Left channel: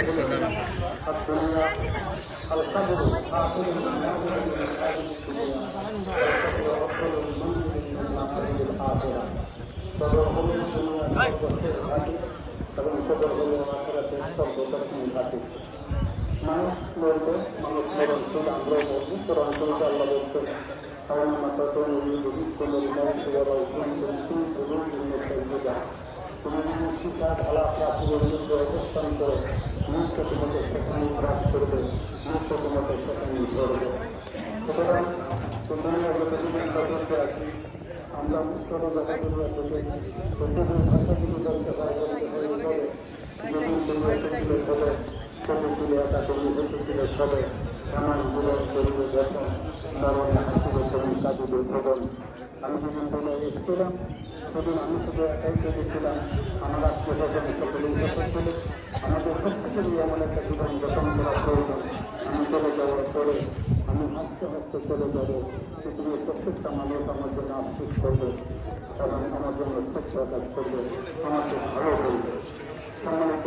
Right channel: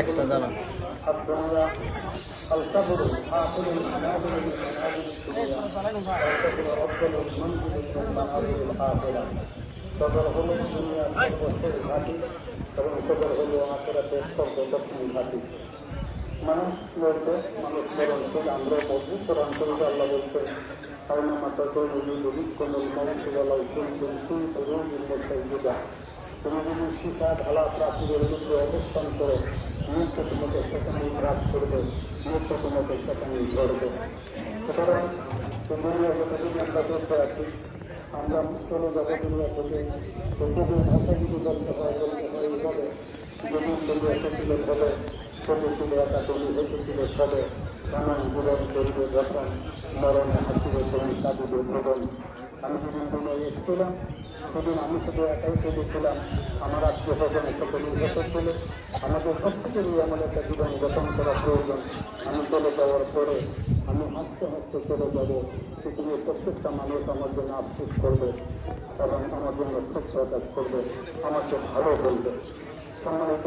একটা দাঁড়া మనం లోపల మనం మాట్లాడుతూ তুমি যদি শিক্ষা ভালো প্রাপ্তির মধ্যে অবস্থান করো মুহূর্ত তোমাকে সেখানে গ্রাস করবে মুহূর্ত তোমাকে সেখানে ধরবে সুতরাং তুমি আছি আমরা মুখ্য জগতের আসলে প্রত্যেকের ভাষা কিন্তু জানতে করবে যখন এসেছিলাম সেদিন আমি শুধু একাই কেঁদেছিলাম আমার আত্মীয় স্বজন সকলেই যখন ছিল আমাদের সবথেকে নিয়ে আমার একটা জীবন গঠন করা প্রয়োজন আমি চলে যাওয়ার পরে আমি হাসতে হাসতে চলে যাব। পৃথিবীর প্রত্যেকটা মানুষ আমার জন্য আফসোস করবে এবং আমার জন্য স্বচ্ছ কাজ করবে। আমাকে ভালো বলবে।